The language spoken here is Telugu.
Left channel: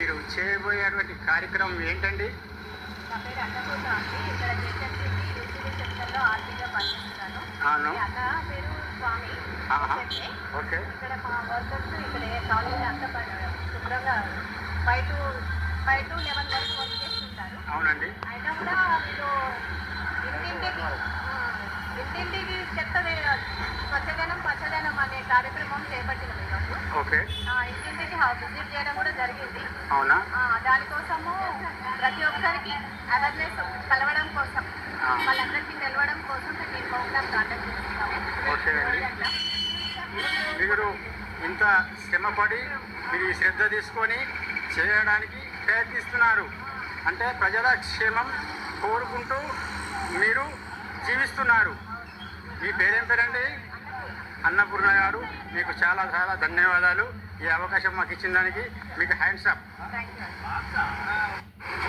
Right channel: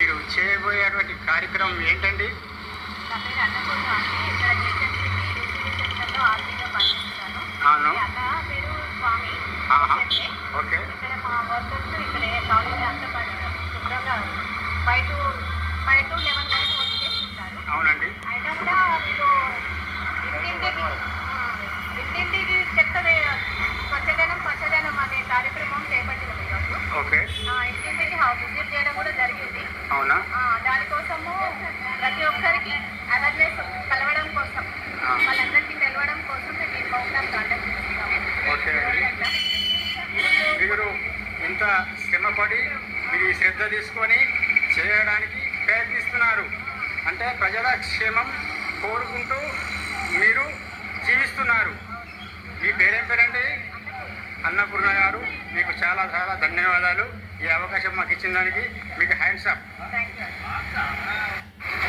మీరు చేయబోయేటువంటి కార్యక్రమం ఏంటండి? నా పేరు అన్నపూర్ణ అండి. ఇక్కడ జేహెచ్ఎంసీ డీసీబీ సెక్షన్లో ఆర్టీగా పనిచేస్తున్నాను. అవును. మీ అన్న పేరు స్వామి. ఓకే. ఇక్కడ మా వర్కర్స్ ఇక్కడ కాలేజీ అంతా శుభ్రంగా 5 to 11 వరకు వర్క్ చేస్తుంటారు. అవునండి. అయినా కూడా వీళ్ళు ఇంటింటికి చెత్త స్వచ్ఛదనం పచ్చదనం అనే కార్యక్రమం చేపట్టినాం ఈరోజు. ఓకే. ఇంటింటికి విజిట్ చేయడం కూడా జరిగింది. అవునా? దానికోసము ప్రతి ఒక్కరికి అవేర్నెస్ కలవడం కోసం, వాళ్ళందరికీ తెలవడం కోసం మేము ఈ ప్రోగ్రామ్ కండక్ట్ చేస్తున్నాము. ఓకే అండి. మీరు ఇంత శ్రమపడి మీరు శ్రద్ధ తీసుకొని చేయడానికి ప్రయత్నిస్తున్నారు అంటే ప్రజల క్షేమం కోరుకుంటూ మీరు జీవిస్తున్నారు. మీ పేరేం పేరండి? అన్నపూర్ణ గారు, మీకు చాలా చాలా ధన్యవాదాలు. ఈ అవకాశం మాకు ఇచ్చిన దానికి మీకు హ్యాండ్స్ అప్. Thank you.